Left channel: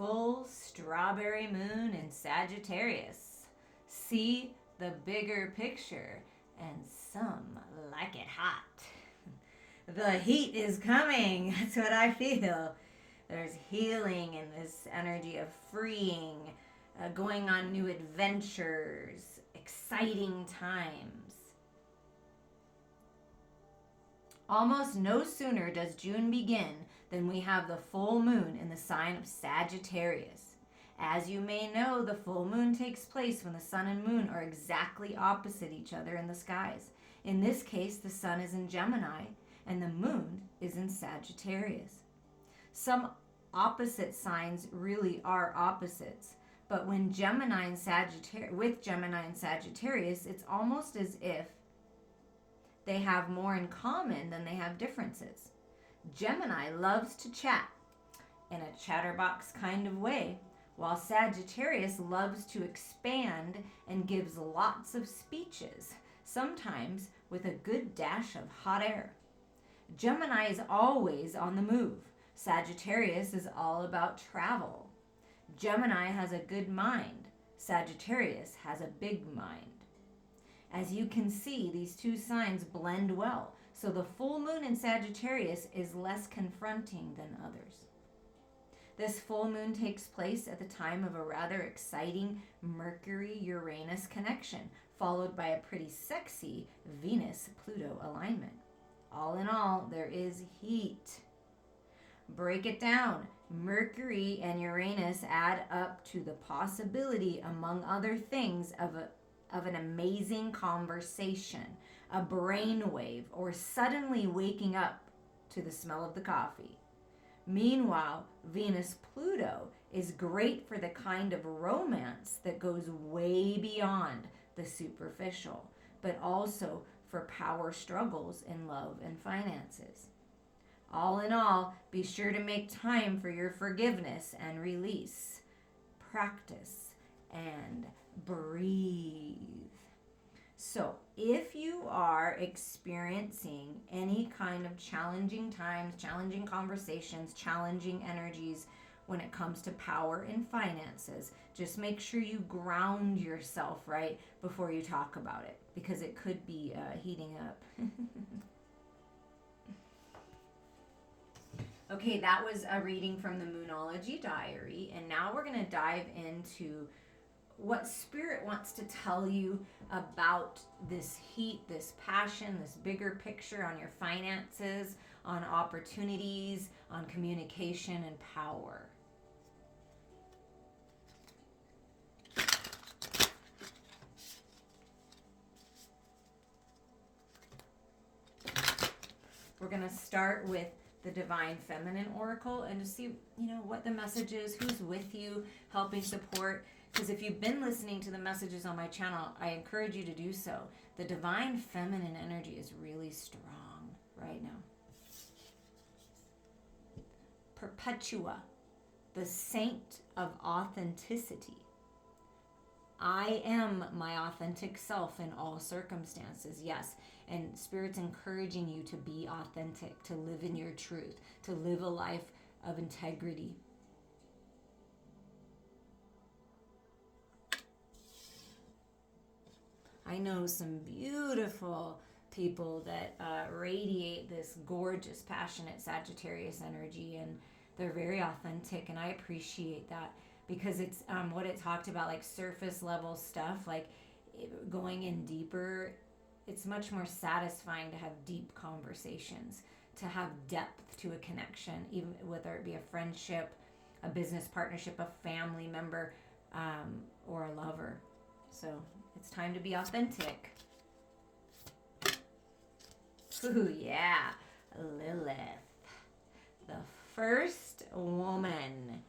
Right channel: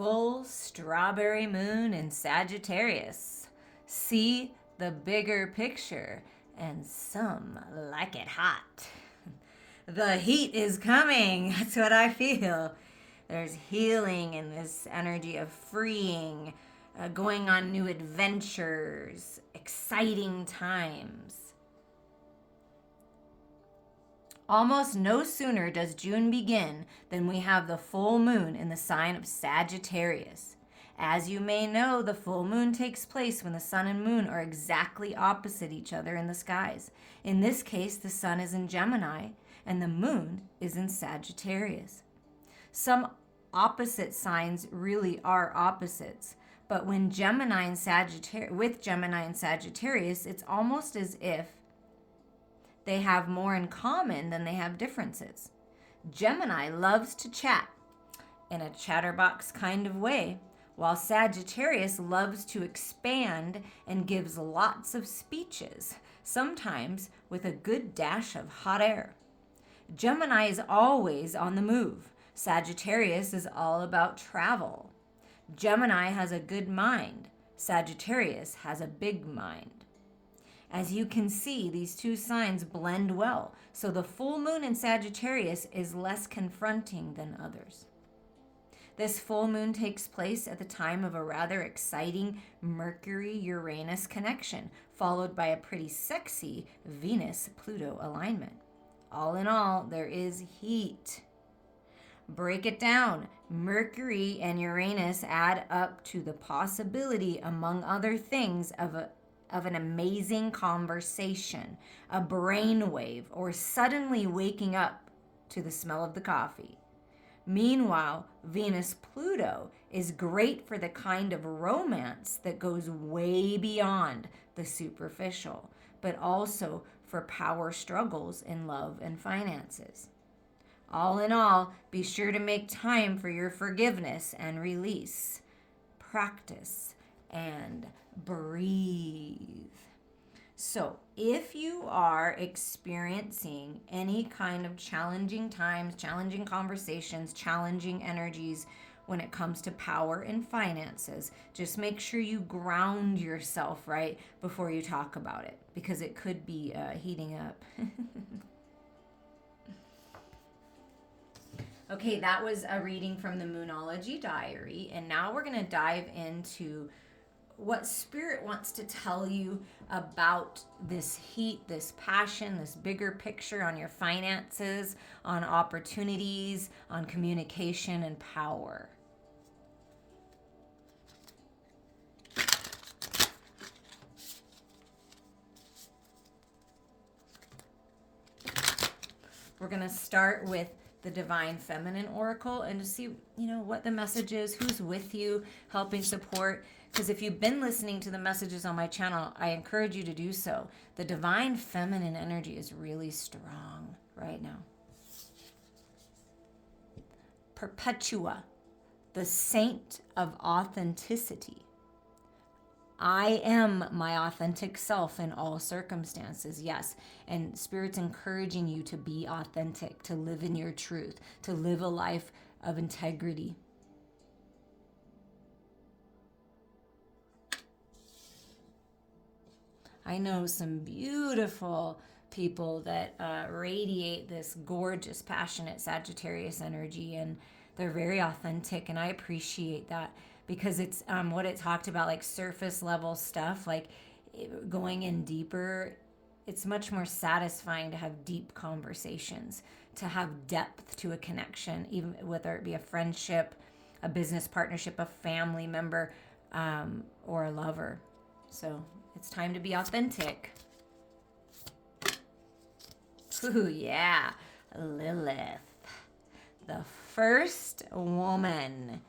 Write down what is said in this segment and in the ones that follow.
full strawberry moon in Sagittarius. See the bigger picture, and some like it hot. The heat is coming. That's what I feel. There's healing in this energy of freeing, going on new adventures, exciting times. Almost no sooner does June begin than we have the full moon in the sign of Sagittarius. As you may know, the full moon takes place when the sun and moon are exactly opposite each other in the skies. In this case, the sun is in Gemini and the moon is in Sagittarius. Some opposite signs really are opposites, but when Gemini and Sagittarius, it's almost as if they have more in common than they have differences. Gemini loves to chat in a chatterbox kind of way, while Sagittarius loves to expand and gives lots of speeches, sometimes with a good dash of hot air. Gemini is always on the move. Sagittarius is all about travel. Gemini has a good mind. Sagittarius has a big mind. As you can see, these two signs blend well, so the full moon in Sagittarius is less confronting than others. This full moon takes place at the time of a rather exciting Mercury-Uranus connection, followed by a pretty sexy Venus-Pluto alignment. All in all, there is heat. Break it down. Mercury and Uranus add up to the possibility, among other things, of an amazing conversation, a brainwave, or suddenly waking up to the smell of the coffee. Meanwhile, Venus-Pluto is great for the kind of romance that goes way beyond the superficial, but also for power struggles in love and finances. All in all, be sure to make time for your forgiveness and release. Practice and breathe. So, if you are experiencing any kind of challenging times, challenging conversations, challenging energies when it comes to power and finances, just make sure you ground yourself right before you talk about it, because it could be heating up. Okay, that was a reading from the Moonology Diary, and now we're going to dive into what Spirit wants to tell you about this heat, this passion, this bigger picture on your finances, on opportunities, on communication and power. We're going to start with the Divine Feminine Oracle and to see, what the message is, who's with you, helping support. Because if you've been listening to the messages on my channel, I encourage you to do so. The Divine Feminine energy is really strong right now. Perpetua, the Saint of Authenticity. I am my authentic self in all circumstances, yes. And Spirit's encouraging you to be authentic, to live in your truth, to live a life of integrity. I know some beautiful people that radiate this gorgeous, passionate Sagittarius energy, and they're very authentic, and I appreciate that. Because it's what it talked about, like surface level stuff, like going in deeper. It's much more satisfying to have deep conversations, to have depth to a connection, even whether it be a friendship, a business partnership, a family member, or a lover. So it's time to be authentic. Ooh, yeah. Lilith, the first woman.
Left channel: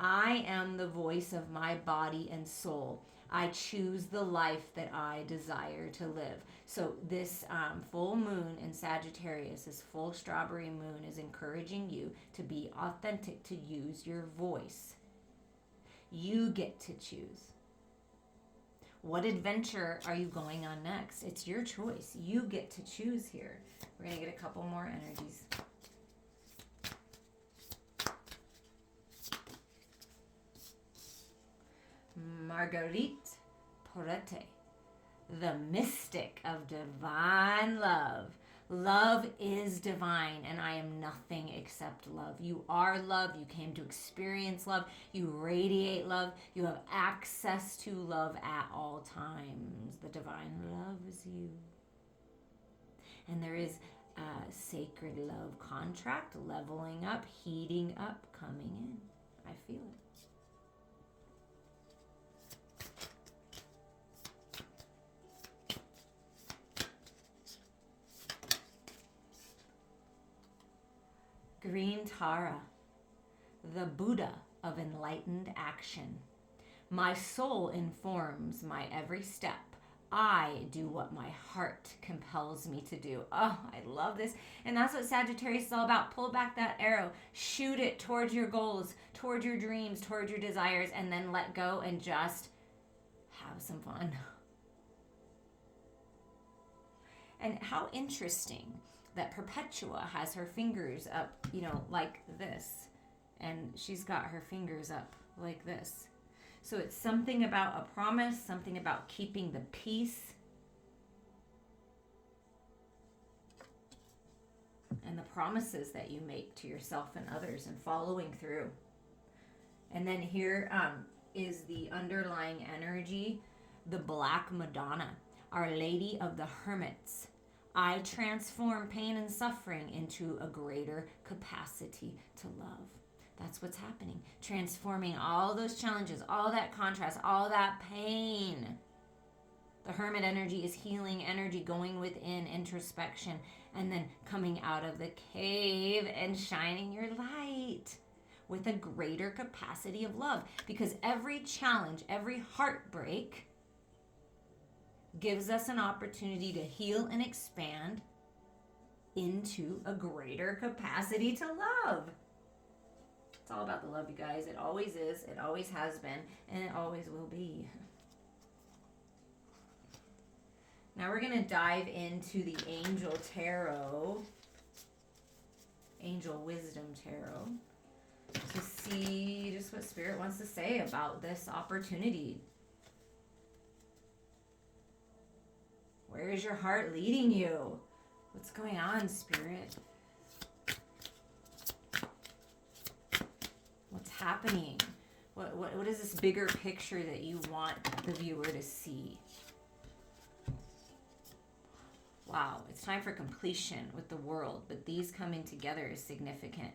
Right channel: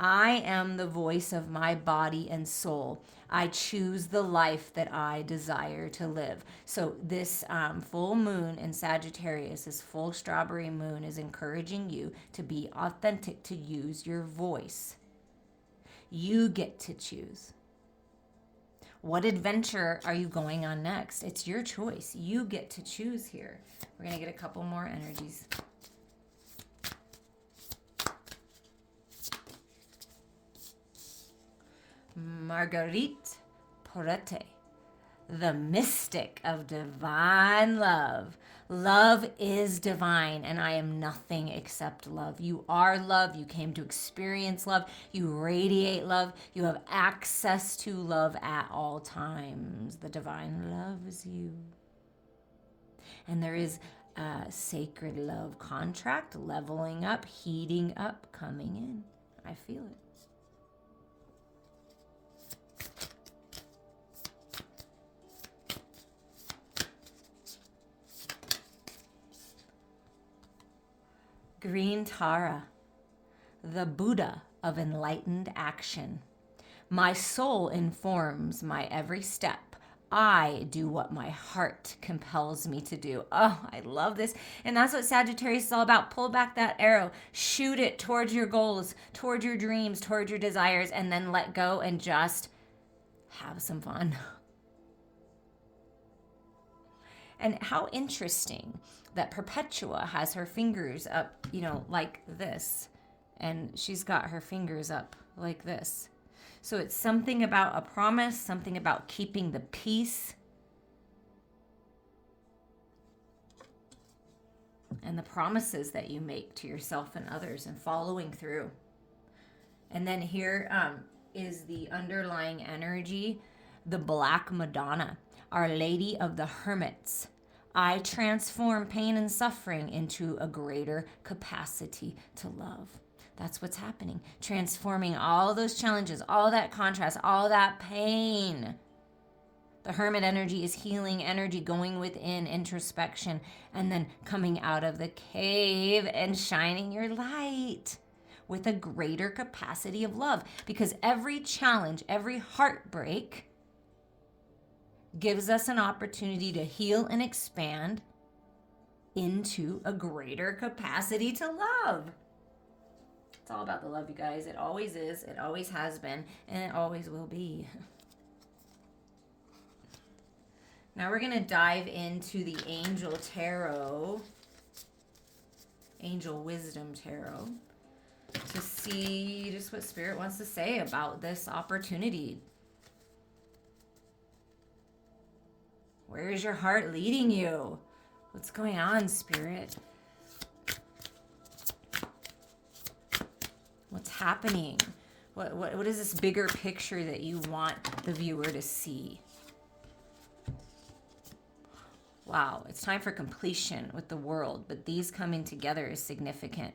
I am the voice of my body and soul. I choose the life that I desire to live. So this full moon in Sagittarius, this full strawberry moon, is encouraging you to be authentic, to use your voice. You get to choose. What adventure are you going on next? It's your choice. You get to choose here. We're going to get a couple more energies. Marguerite Porete, the mystic of divine love. Love is divine, and I am nothing except love. You are love. You came to experience love. You radiate love. You have access to love at all times. The divine loves you. And there is a sacred love contract, leveling up, heating up, coming in. I feel it. Green Tara, the Buddha of enlightened action. My soul informs my every step. I do what my heart compels me to do. Oh, I love this. And that's what Sagittarius is all about. Pull back that arrow, shoot it towards your goals, towards your dreams, towards your desires, and then let go and just have some fun. And how interesting that Perpetua has her fingers up, like this. And she's got her fingers up like this. So it's something about a promise, something about keeping the peace. And the promises that you make to yourself and others and following through. And then here is the underlying energy, the Black Madonna, Our Lady of the Hermits. I transform pain and suffering into a greater capacity to love. That's what's happening. Transforming all those challenges, all that contrast, all that pain. The hermit energy is healing energy, going within, introspection, and then coming out of the cave and shining your light with a greater capacity of love. Because every challenge, every heartbreak gives us an opportunity to heal and expand into a greater capacity to love. It's all about the love, you guys. It always is. It always has been. And it always will be. Now we're going to dive into the Angel Tarot. Angel Wisdom Tarot. To see just what Spirit wants to say about this opportunity. Where is your heart leading you? What's going on, Spirit? What's happening? What is this bigger picture that you want the viewer to see? Wow, it's time for completion with the world, but these coming together is significant.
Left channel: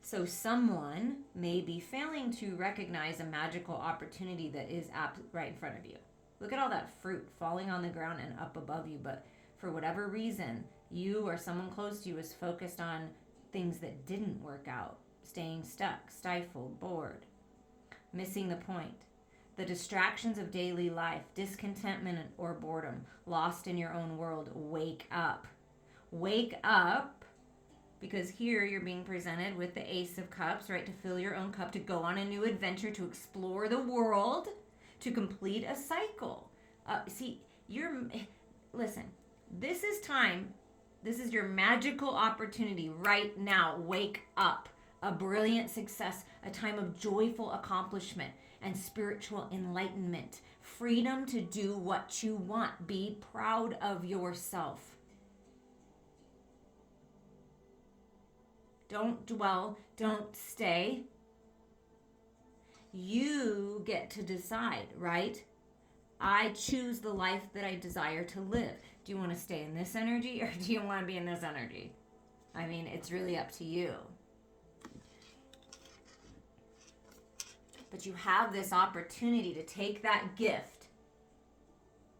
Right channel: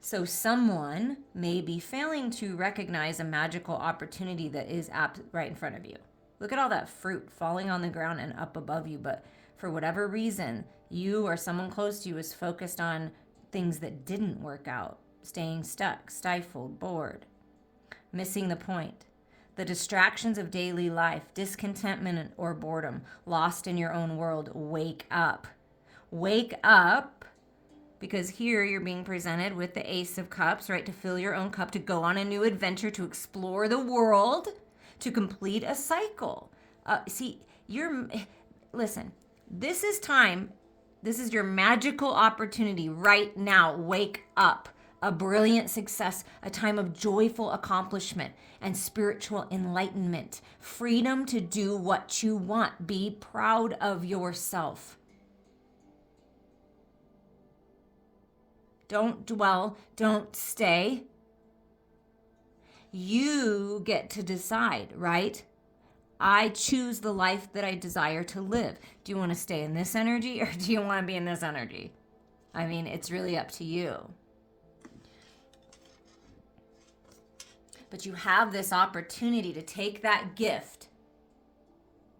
So someone may be failing to recognize a magical opportunity that is right in front of you. Look at all that fruit falling on the ground and up above you, but for whatever reason, you or someone close to you is focused on things that didn't work out. Staying stuck, stifled, bored, missing the point. The distractions of daily life, discontentment or boredom, lost in your own world. Wake up. Wake up, because here you're being presented with the Ace of Cups, right? To fill your own cup, to go on a new adventure, to explore the world, to complete a cycle. Listen, this is time. This is your magical opportunity right now. Wake up. A brilliant success, a time of joyful accomplishment and spiritual enlightenment. Freedom to do what you want. Be proud of yourself. Don't dwell, don't stay. You get to decide, right? I choose the life that I desire to live. Do you want to stay in this energy or do you want to be in this energy? I mean, it's really up to you. But you have this opportunity to take that gift,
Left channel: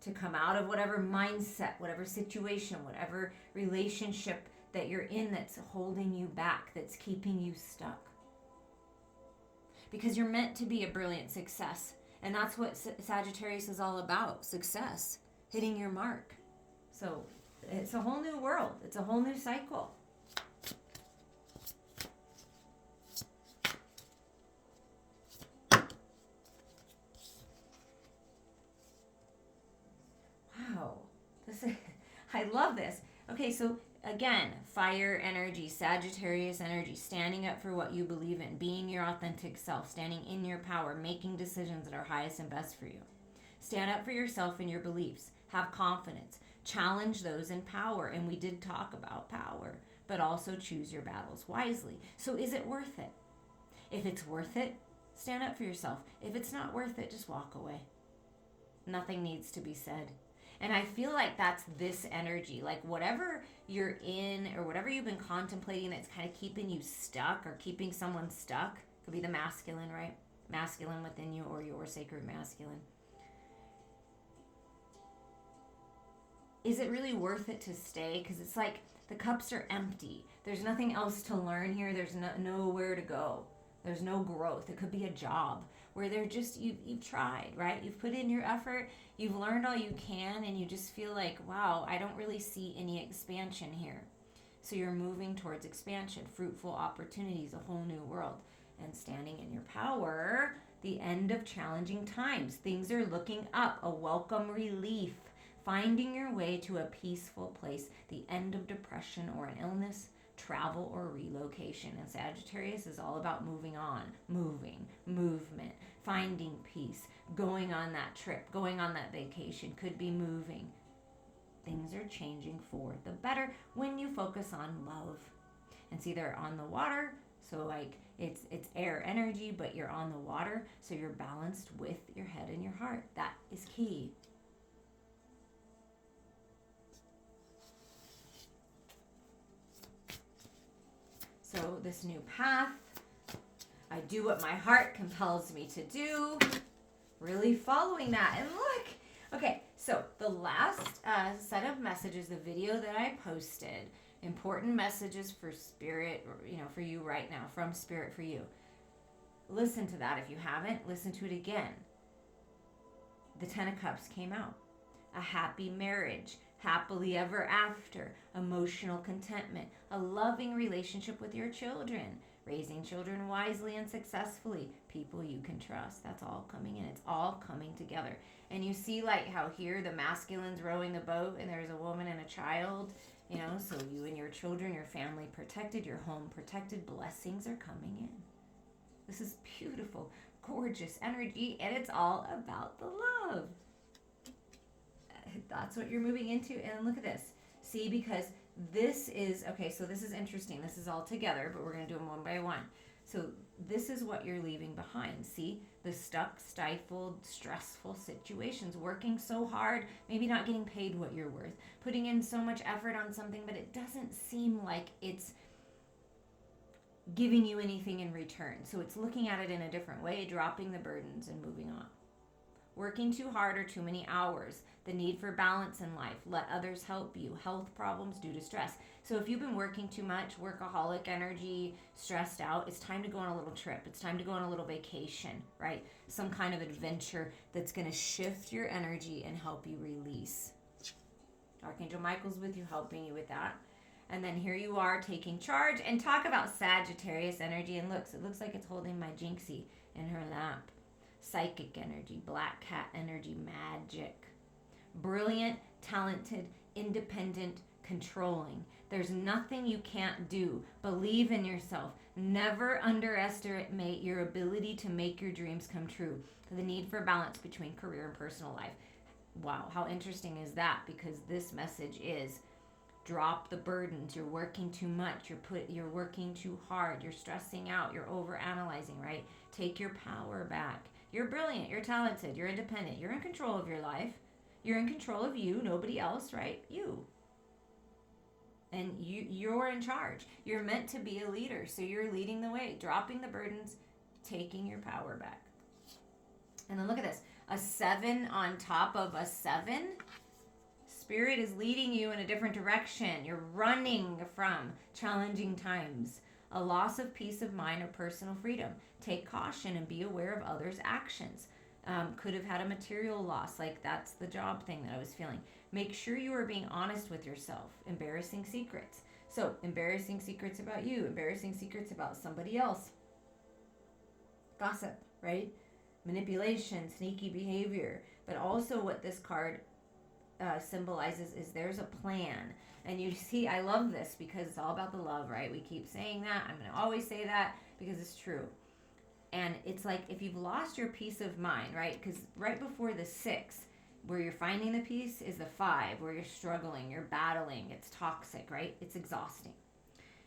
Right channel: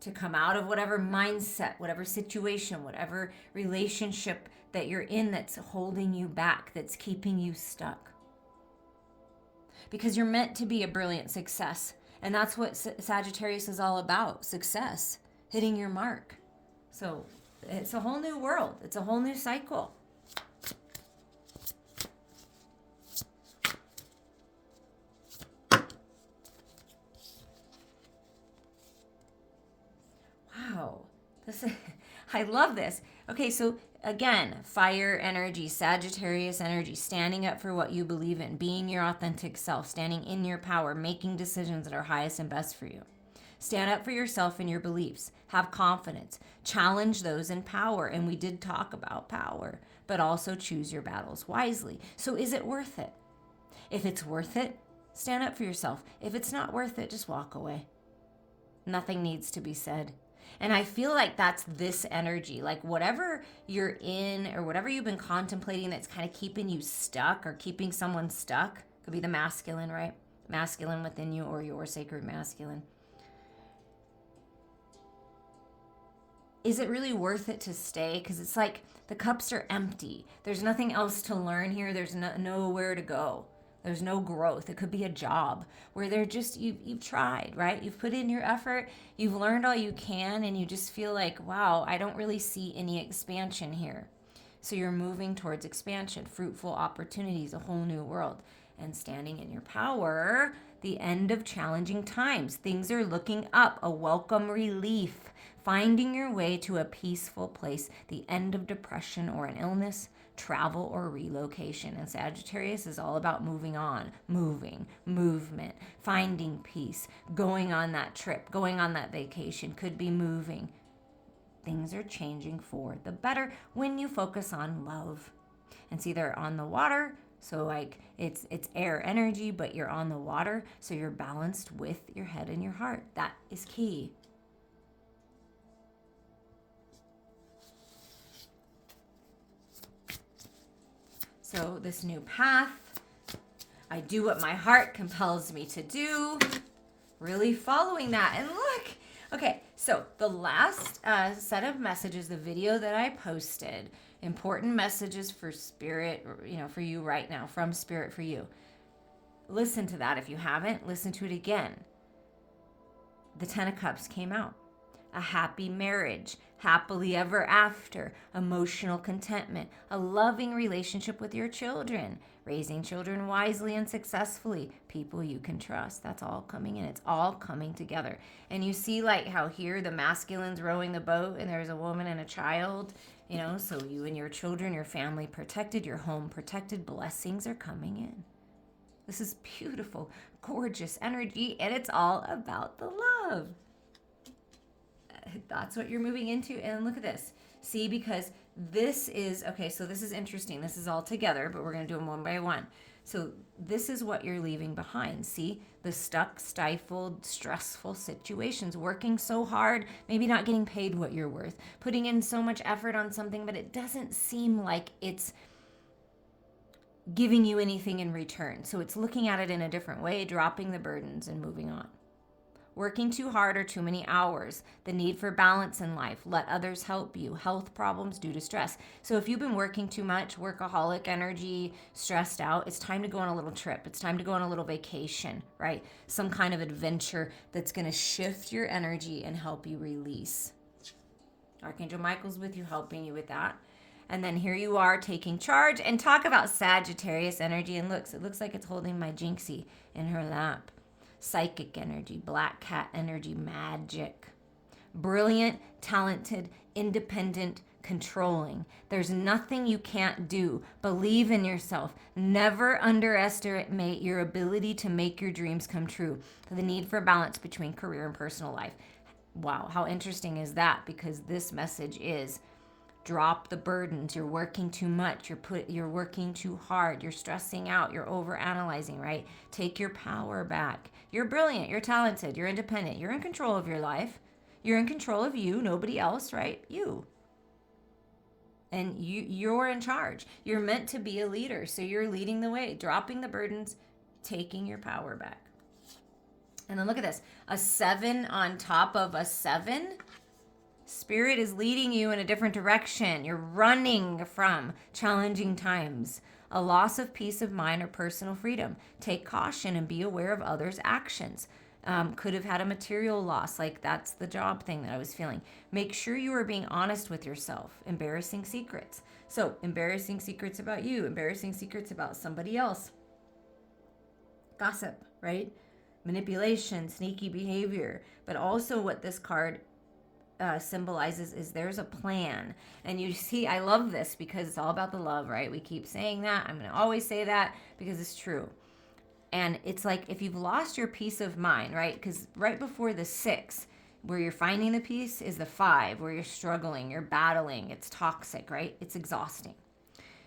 to come out of whatever mindset, whatever situation, whatever relationship that you're in that's holding you back, that's keeping you stuck. Because you're meant to be a brilliant success. And that's what Sagittarius is all about, success, hitting your mark. So it's a whole new world. It's a whole new cycle. Wow. I love this. Okay, so Again, fire energy, Sagittarius energy, standing up for what you believe in, being your authentic self, standing in your power, making decisions that are highest and best for you. Stand up for yourself and your beliefs. Have confidence. Challenge those in power. And we did talk about power, but also choose your battles wisely. So is it worth it? If it's worth it, stand up for yourself. If it's not worth it, just walk away. Nothing needs to be said. And I feel like that's this energy. Like whatever you're in or whatever you've been contemplating that's kind of keeping you stuck or keeping someone stuck, could be the masculine, right? Masculine within you or your sacred masculine. Is it really worth it to stay? Because it's like the cups are empty. There's nothing else to learn here. There's nowhere to go. There's no growth. It could be a job where they're just, you've tried, right? You've put in your effort. You've learned all you can, and you just feel like, wow, I don't really see any expansion here. So you're moving towards expansion, fruitful opportunities, a whole new world. And standing in your power, the end of challenging times. Things are looking up, a welcome relief. Finding your way to a peaceful place, the end of depression or an illness, travel or relocation. And Sagittarius is all about moving on, movement, finding peace, going on that trip, going on that vacation, could be moving. Things are changing for the better when you focus on love. And see, they're on the water, so like it's air energy, but you're on the water, so you're balanced with your head and your heart. That is key. So this new path, I do what my heart compels me to do, really following that. And look, okay, so the last set of messages, the video that I posted, important messages for spirit, for you right now, from spirit for you. Listen to that. If you haven't, listen to it again. The 10 of Cups came out. A happy marriage, happily ever after, emotional contentment, a loving relationship with your children, raising children wisely and successfully, people you can trust. That's all coming in. It's all coming together. And you see like how here the masculine's rowing the boat and there's a woman and a child, so you and your children, your family protected, your home protected, blessings are coming in. This is beautiful, gorgeous energy, and it's all about the love. That's what you're moving into. And look at this. See, because this is, okay, so this is interesting. This is all together, but we're going to do them one by one. So this is what you're leaving behind. See, the stuck, stifled, stressful situations, working so hard, maybe not getting paid what you're worth, putting in so much effort on something, but it doesn't seem like it's giving you anything in return. So it's looking at it in a different way, dropping the burdens and moving on. Working too hard or too many hours, the need for balance in life, let others help you, health problems due to stress. So if you've been working too much, workaholic energy, stressed out, it's time to go on a little trip. It's time to go on a little vacation, right? Some kind of adventure that's going to shift your energy and help you release. Archangel Michael's with you, helping you with that. And then here you are taking charge, and talk about Sagittarius energy. And it looks like it's holding my Jinxie in her lap. Psychic energy, black cat energy, magic. Brilliant, talented, independent, controlling. There's nothing you can't do. Believe in yourself. Never underestimate your ability to make your dreams come true. The need for balance between career and personal life. Wow, how interesting is that? Because this message is drop the burdens. You're working too much. You're working too hard. You're stressing out. You're overanalyzing, right? Take your power back. You're brilliant. You're talented. You're independent. You're in control of your life. You're in control of you. Nobody else, right? You. And you're in charge. You're meant to be a leader. So you're leading the way, dropping the burdens, taking your power back. And then look at this. A 7 on top of a 7. Spirit is leading you in a different direction. You're running from challenging times. A loss of peace of mind or personal freedom. Take caution and be aware of others' actions. Could have had a material loss, like that's the job thing that I was feeling. Make sure you are being honest with yourself. Embarrassing secrets. So, embarrassing secrets about you, embarrassing secrets about somebody else. Gossip, right? Manipulation, sneaky behavior. But also what this card symbolizes is there's a plan. And you see, I love this because it's all about the love, right? We keep saying that. I'm going to always say that because it's true. And it's like if you've lost your peace of mind, right? Because right before the 6, where you're finding the peace, is the 5, where you're struggling, you're battling, it's toxic, right? It's exhausting.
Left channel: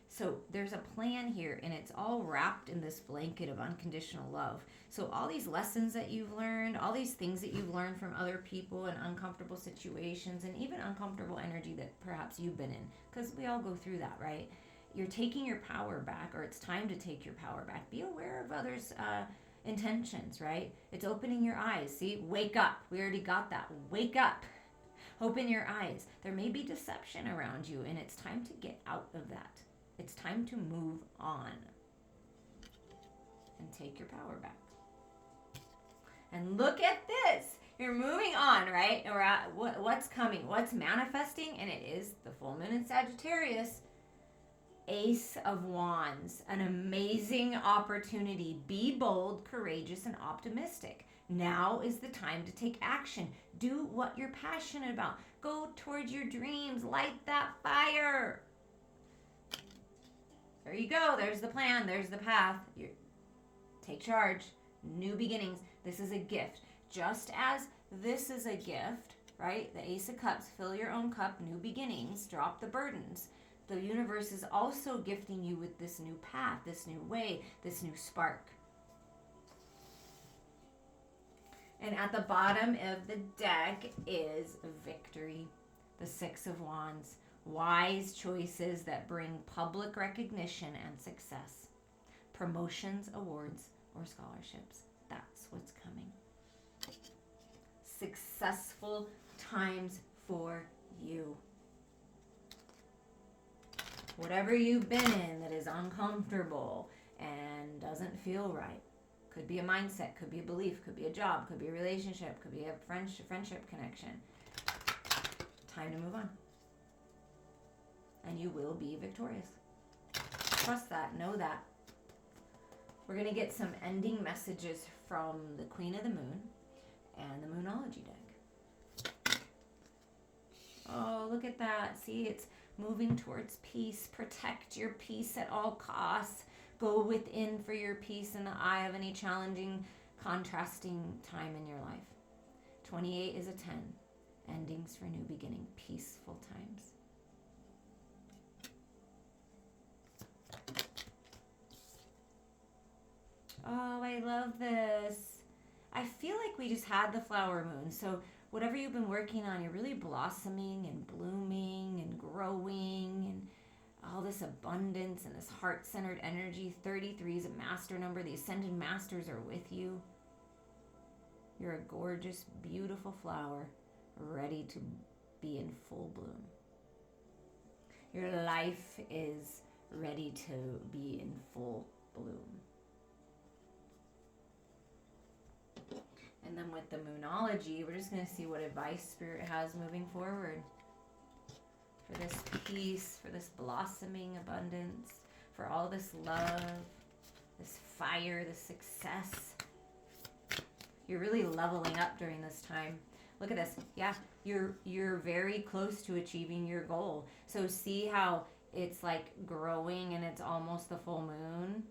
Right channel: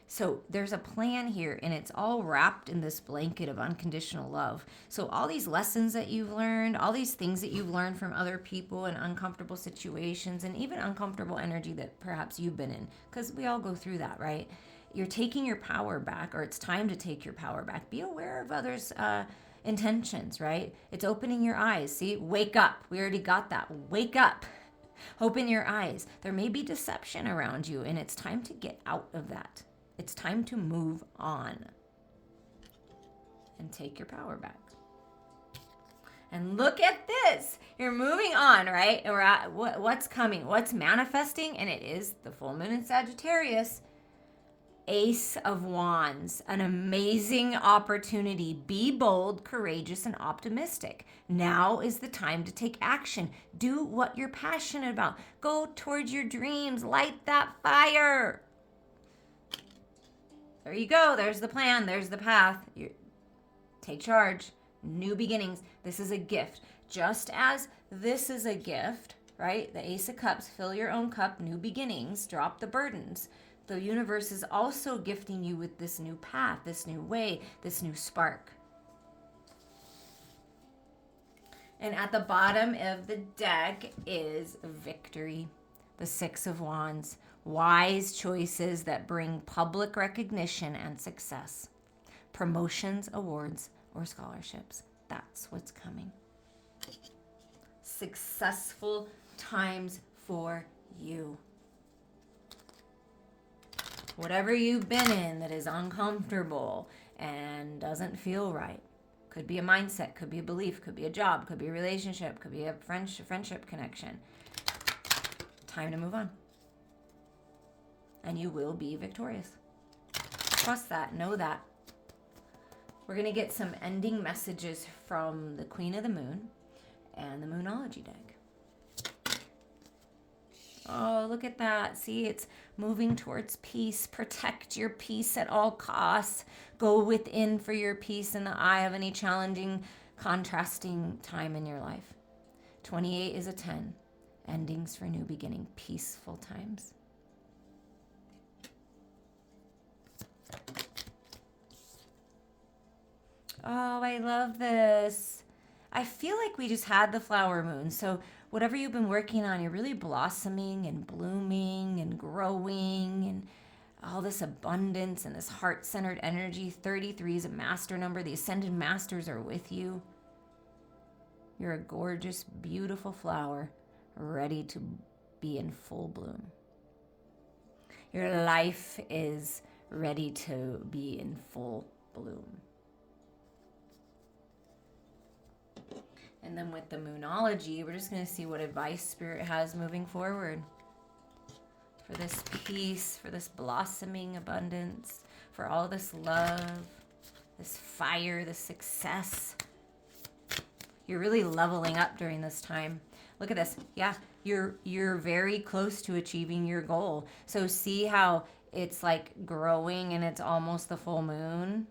So there's a plan here, and it's all wrapped in this blanket of unconditional love. So all these lessons that you've learned, all these things that you've learned from other people and uncomfortable situations, and even uncomfortable energy that perhaps you've been in, because we all go through that, right? You're taking your power back, or it's time to take your power back. Be aware of others' intentions, right? It's opening your eyes. See, wake up. We already got that. Wake up. Open your eyes. There may be deception around you, and it's time to get out of that. It's time to move on and take your power back. And look at this. You're moving on, right? We're at what's coming, what's manifesting, and it is the full moon in Sagittarius. Ace of Wands, an amazing opportunity. Be bold, courageous, and optimistic. Now is the time to take action. Do what you're passionate about. Go towards your dreams. Light that fire. There you go. There's the plan. There's the path. Take charge. New beginnings. This is a gift. Just as this is a gift, right? The Ace of Cups. Fill your own cup. New beginnings. Drop the burdens. The universe is also gifting you with this new path, this new way, this new spark. And at the bottom of the deck is victory. The 6 of Wands. Wise choices that bring public recognition and success. Promotions, awards, or scholarships. That's what's coming. Successful times for you. Whatever you've been in that is uncomfortable and doesn't feel right. Could be a mindset, could be a belief, could be a job, could be a relationship, could be a friendship connection. Time to move on. And you will be victorious. Trust that. Know that. We're going to get some ending messages from the Queen of the Moon and the Moonology deck. Oh, look at that. See, it's moving towards peace. Protect your peace at all costs. Go within for your peace in the eye of any challenging, contrasting time in your life. 28 is a 10. Endings for new beginning. Peaceful times. Oh, I love this. I feel like we just had the flower moon. So whatever you've been working on, you're really blossoming and blooming and growing and all this abundance and this heart-centered energy. 33 is a master number. The ascended masters are with you. You're a gorgeous, beautiful flower ready to be in full bloom. Your life is ready to be in full bloom. And then with the Moonology, we're just going to see what advice Spirit has moving forward. For this peace, for this blossoming abundance, for all this love, this fire, this success. You're really leveling up during this time. Look at this. Yeah, you're very close to achieving your goal. So see how it's like growing and it's almost the full moon?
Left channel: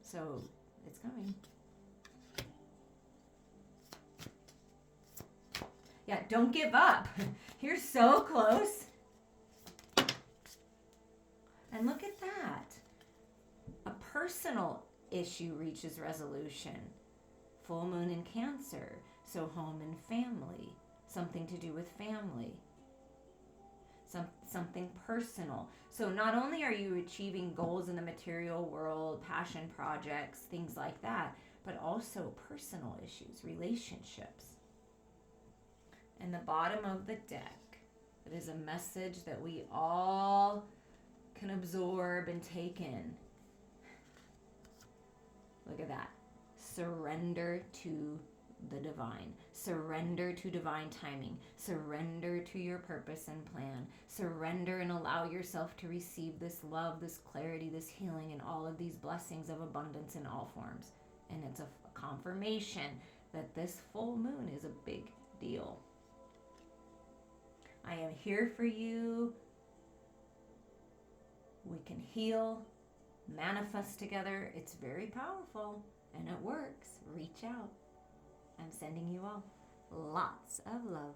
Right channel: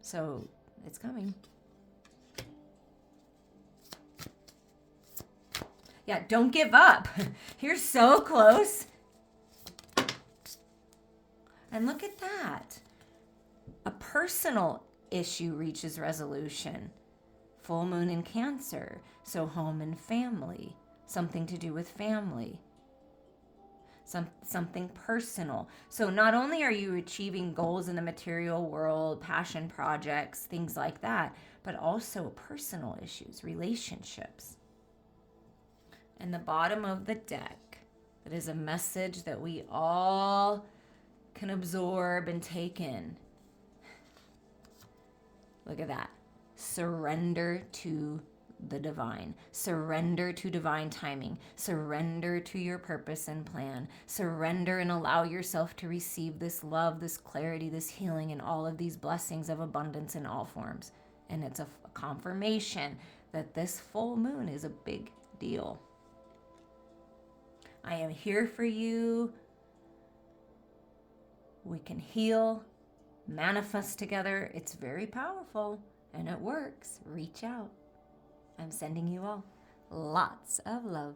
So it's coming. Yeah, don't give up. You're so close. And look at that. A personal issue reaches resolution. Full moon in Cancer. So home and family. Something to do with family. Something personal. So not only are you achieving goals in the material world, passion projects, things like that, but also personal issues, relationships. And the bottom of the deck, that is a message that we all can absorb and take in. Look at that. Surrender to the divine. Surrender to divine timing. Surrender to your purpose and plan. Surrender and allow yourself to receive this love, this clarity, this healing, and all of these blessings of abundance in all forms. And it's a confirmation that this full moon is a big deal. I am here for you. We can heal, manifest together. It's very powerful and it works. Reach out. I'm sending you all lots of love.